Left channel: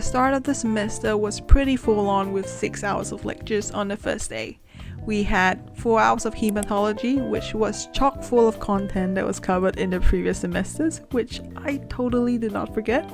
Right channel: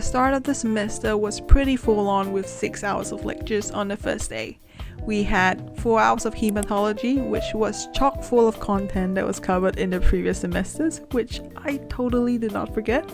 The start of the semester was pretty full on with 6 hours of lectures on the first day. We had 4 hours of hematology, which was chock full of content that was covered in the previous semesters, which I totally did not forget,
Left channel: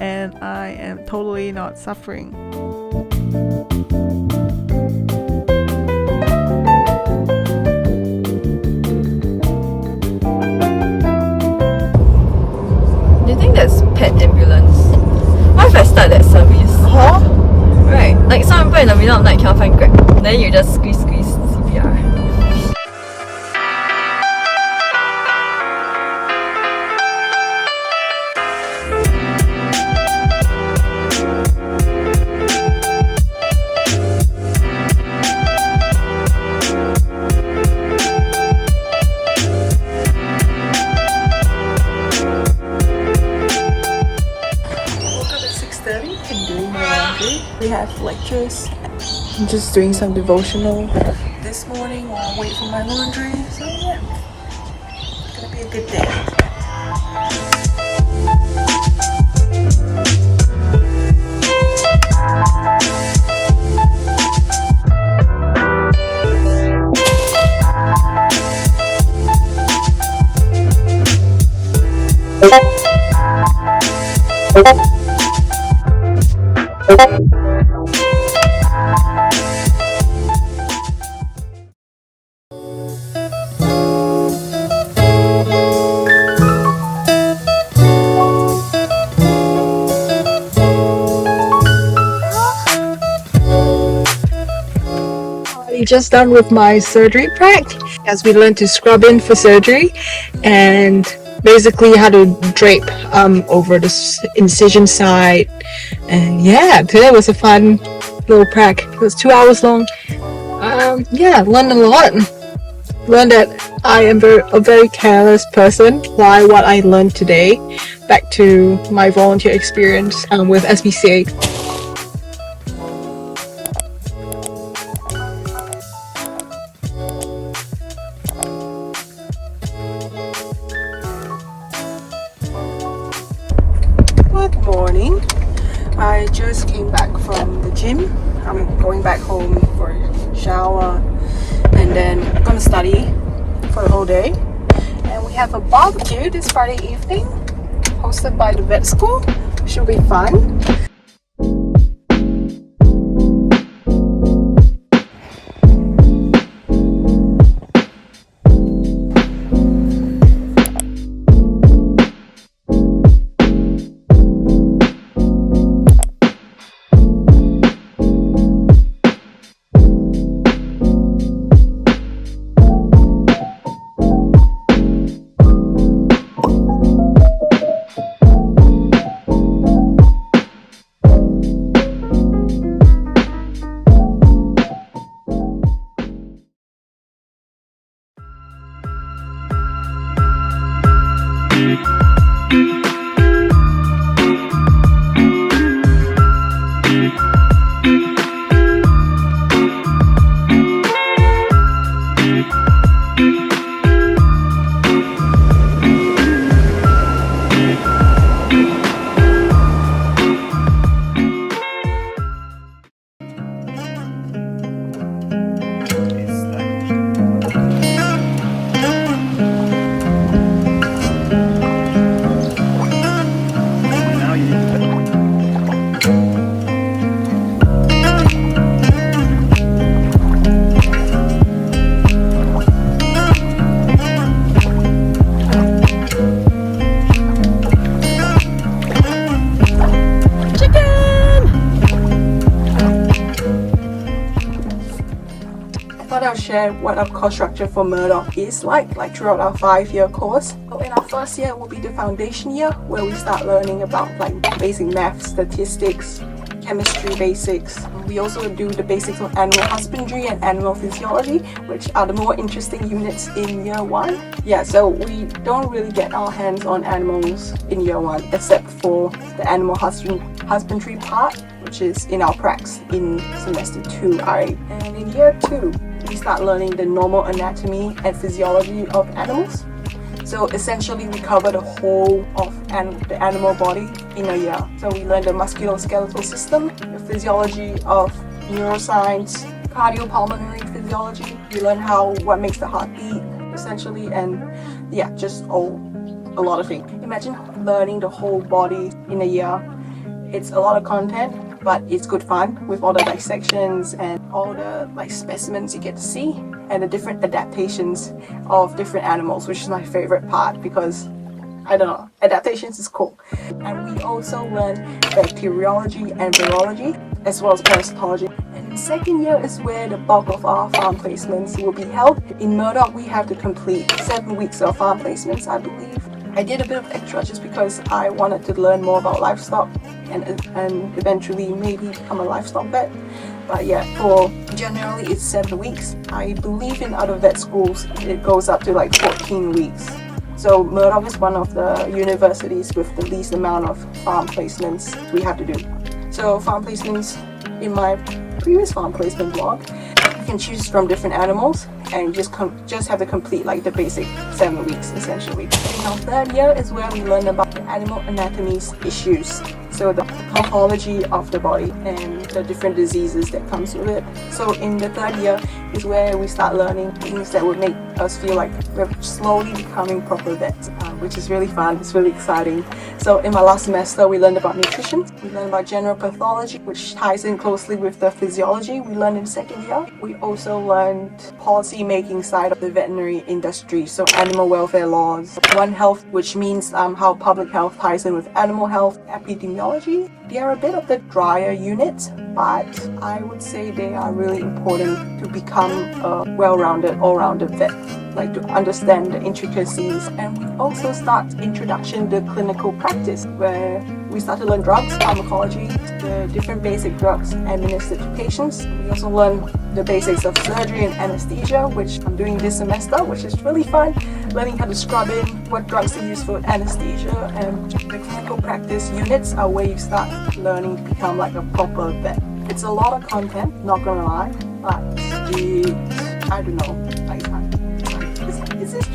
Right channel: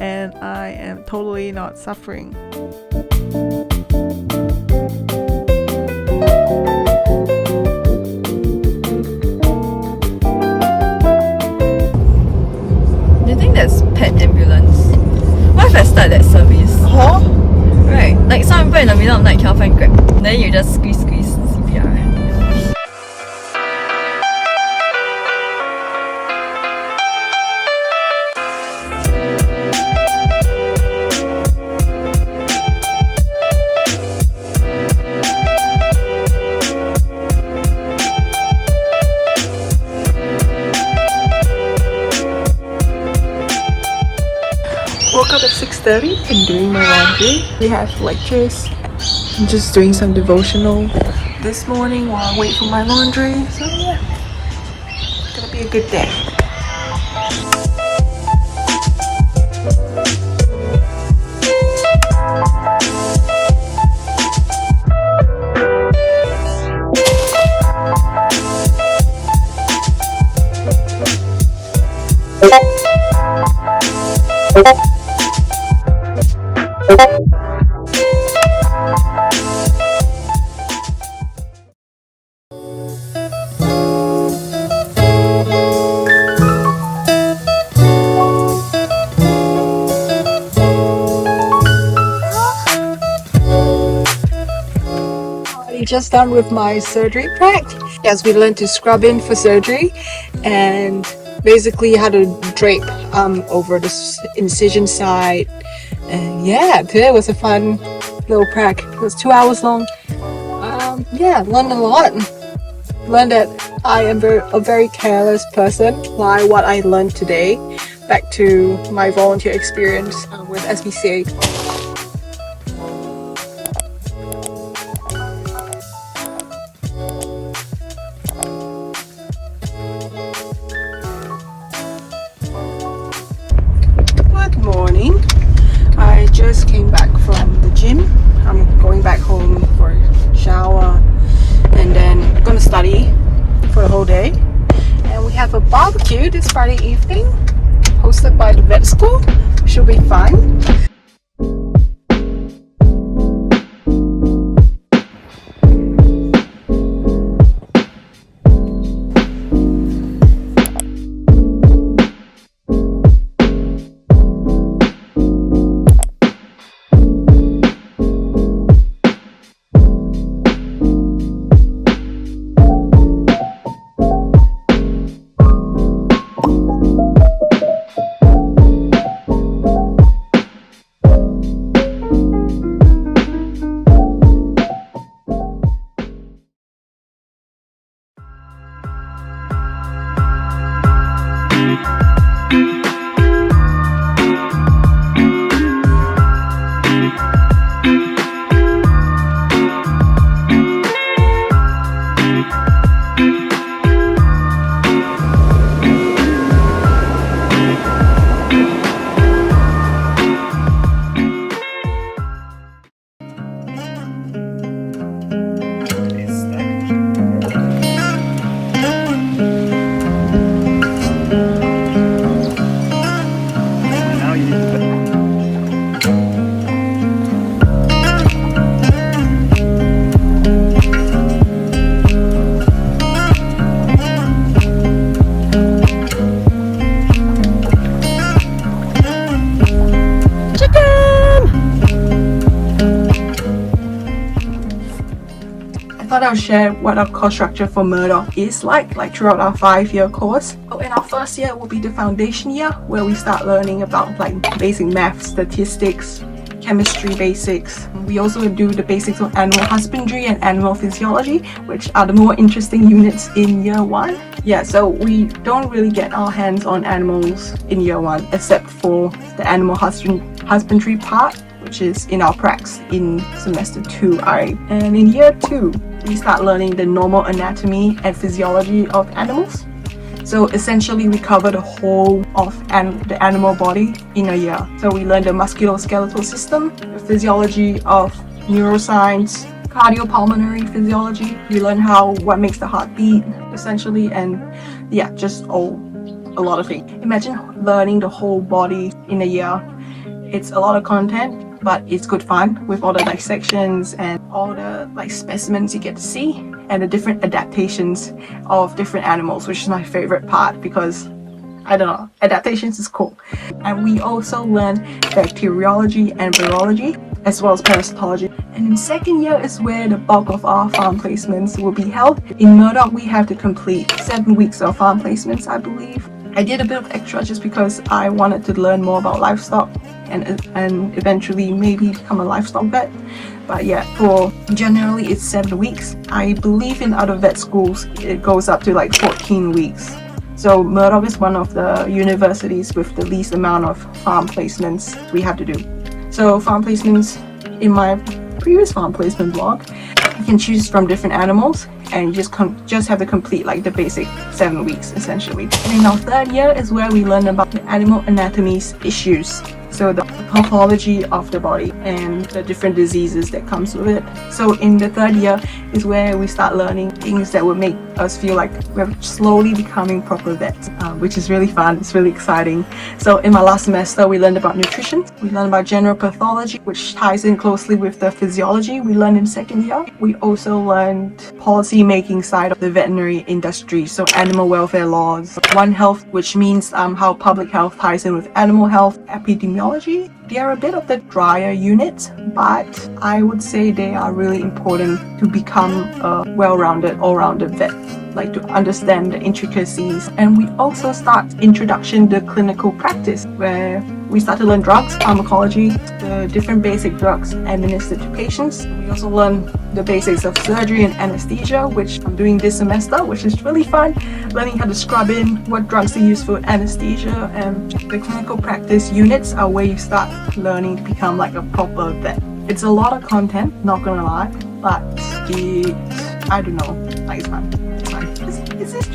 and I am totally not suffering. Do you think that's pet ambulance? What if I start that service? Huh? Right, like some people in the middle of the night cannot find Grab, then you just squeeze CPR. Woke up at 6:30 and doing my laundry. We have lectures. I'm just doing some devotional this morning while I wait for my laundry. So yeah, it's gonna be a good day. Just done with my surgery practice. As we learned to scrub in for surgery and basically how to drape over the incision side. And yeah, today was a fun little prac. It was 2 hours long. Yeah, learned a lot. Learned that I am a very careless person. Apply what I learned today back to my volunteer experience with SPCA. Morning. I just came back from the gym. I'm going back home for a shower and then I'm gonna study for the whole day. And we have a barbecue this Friday evening hosted by the vet school. Should be fun. I'll share what our course structure for Murdoch is like throughout our 5-year course. In our first year will be the foundation year, where we start learning about basic math, statistics, chemistry basics. We also do the basics of animal husbandry and animal physiology, which are the more interesting units in year 1. Yeah, so we don't really get our hands on animals in year 1 except for the animal husbandry part, which is in our pracs in semester 2. And in year 2, we start learning the normal anatomy and physiology of animals. So essentially we cover the whole of the animal body in a year. So we learn the musculoskeletal system, the physiology of neuroscience, cardiopulmonary physiology. We learn what makes the heart beat essentially, and yeah, just a lot of things. Imagine learning the whole body in a year. It's a lot of content, but it's good fun with all the dissections and all the specimens you get to see and the different adaptations of different animals, which is my favorite part because I don't know, adaptations is cool. And we also learn bacteriology and virology as well as parasitology. And in second year is where the bulk of our farm placements will be held. In Murdoch we have to complete 7 weeks of farm placements, I believe. I did a bit of extra just because I wanted to learn more about livestock and eventually maybe become a livestock vet. But yeah, for generally it's 7 weeks. I believe in other vet schools it goes up to 14 weeks. So Murdoch is one of the universities with the least amount of farm placements we have to do. So farm placements, in my previous farm placement blog, you can choose from different animals and you just have to complete the basic 7 weeks essentially. And in our third year is where we learn about the animal anatomies issues. So the pathology of the body and the different diseases that comes with it. So in the third year is where we start learning things that would make us feel like we're slowly becoming proper vets, which is really fun. It's really exciting. So in my last semester, we learned about nutrition. We learned about general pathology, which ties in closely with the physiology we learned in second year. We also learned policy making side of the veterinary industry. So animal welfare laws, One Health, which means how public health ties in with animal health, epidemiology. They are a bit of the drier units, but I would say they are really important to become a well-rounded, all-rounded vet, to understand the intricacies. And we also start introduction to clinical practice, where we start to learn drugs, pharmacology, the different basic drugs administered to patients. We also learn the basics of surgery and anesthesia, which I'm doing this semester, which is really fun. Learning how to scrub in, what drugs to use for anesthesia, and the clinical practice units are where you start learning to become a proper vet. It's a lot of content, not gonna lie, but I don't know, it's fun.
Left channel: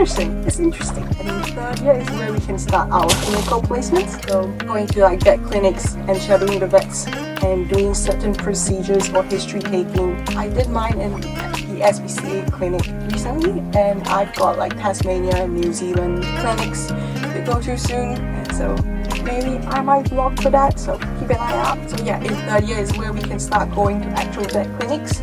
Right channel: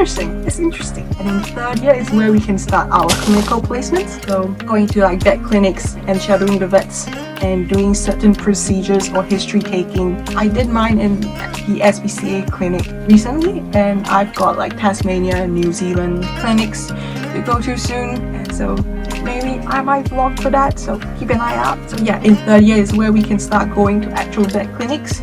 It's interesting. And in third year is where we can start our clinical placements. So going to vet clinics and shadowing the vets and doing certain procedures or history taking. I did mine in the SPCA clinic recently, and I've got Tasmania and New Zealand clinics to go to soon. So maybe I might vlog for that, so keep an eye out. So yeah, in third year is where we can start going to actual vet clinics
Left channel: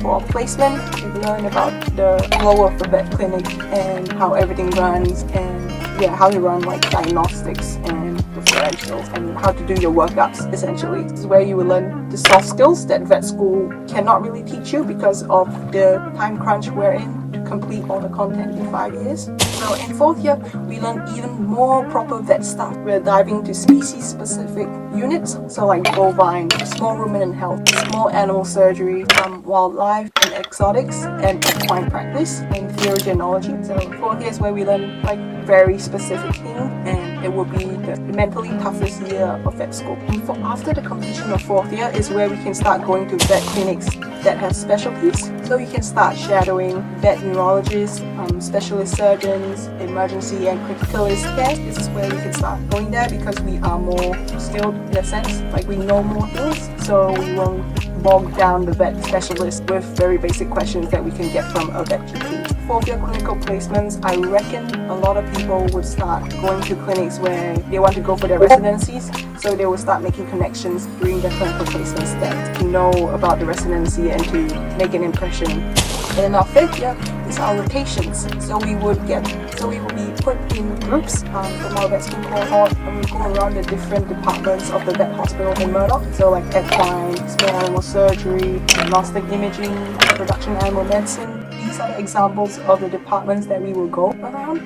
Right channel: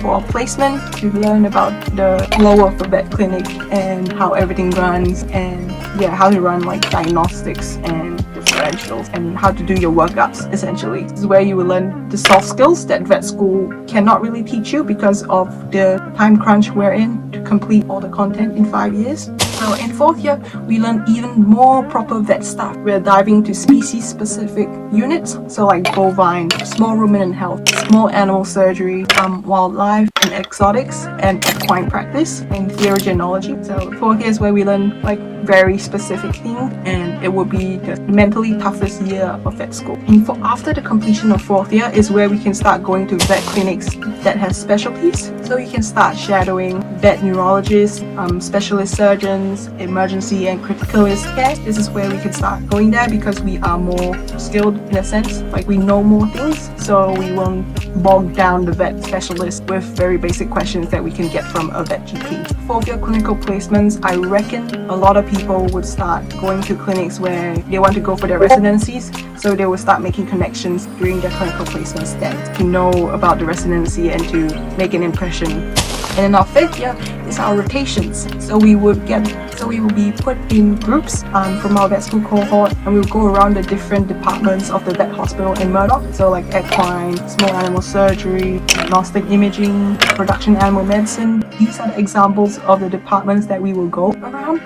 for our placement to learn about the flow of the vet clinic and how everything runs, and how to run diagnostics and differentials and how to do your workups essentially. This is where you will learn the soft skills that vet school cannot really teach you because of the time crunch we're in to complete all the content in 5 years. So in fourth year, we learn even more proper vet stuff. We're diving to species-specific units, so bovine, small ruminant health, small animal surgery, wildlife and exotics, and equine practice, and therogenology. So fourth year is where we learn very specific things, and it will be the mentally toughest year of vet school. And after the completion of fourth year is where we can start going to vet clinics that have specialties. So you can start shadowing vet neurologists, specialist surgeons, emergency and criticalist care. This is where we can start going there because we are more skilled in a sense, we know more things, so we won't bog down the vet specialist with very basic questions that we can get from a vet GP. Fourth year clinical placements, I reckon a lot of people would start going to clinics where they want to go for their residencies, so they will start making connections during their clinical placements then to know about the residency and to make an impression. And in our fifth year is our rotations. So we will be put in groups from our vet school cohort, and we'll go around the different departments of the vet hospital in Murdoch. So equine, small animal surgery, diagnostic imaging, production animal medicine. These are the examples of the departments that we will go around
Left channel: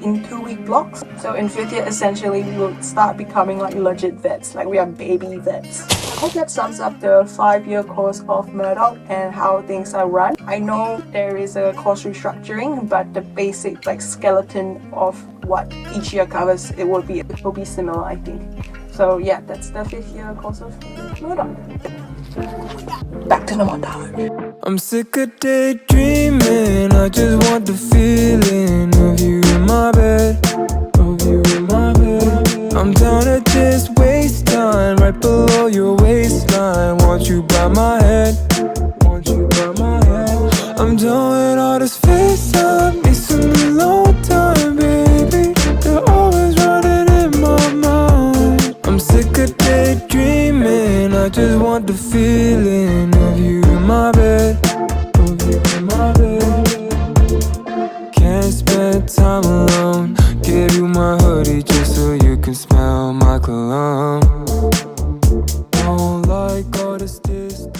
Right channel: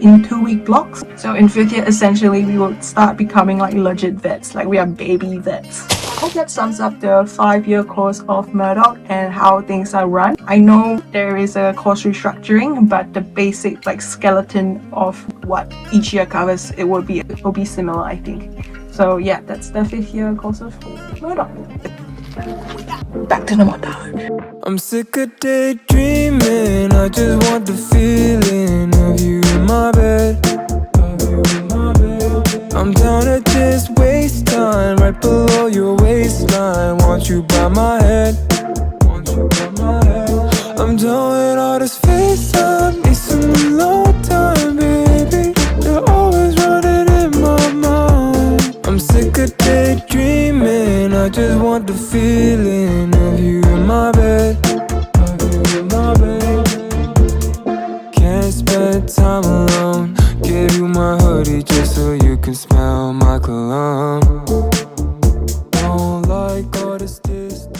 in 2-week blocks. So in fifth year, essentially, we will start becoming legit vets, we are baby vets. I hope that sums up the 5-year course of Murdoch and how things are run. I know there is a course restructuring, but the basic skeleton of what each year covers, it will be similar, I think. So yeah, that's the 5th year course of Murdoch. Back to the montage. I'm sick of daydreaming, I just want the feeling of you in my bed. right below your waistline. Want you by my head. I'm done with all this FaceTime. Need some alone time, baby. You're always running in my mind. I'm sick of daydreaming. I just want the feeling of you in my bed. Can't spend time alone. Give you my hoodie just so you can smell my cologne. Don't like all this distance.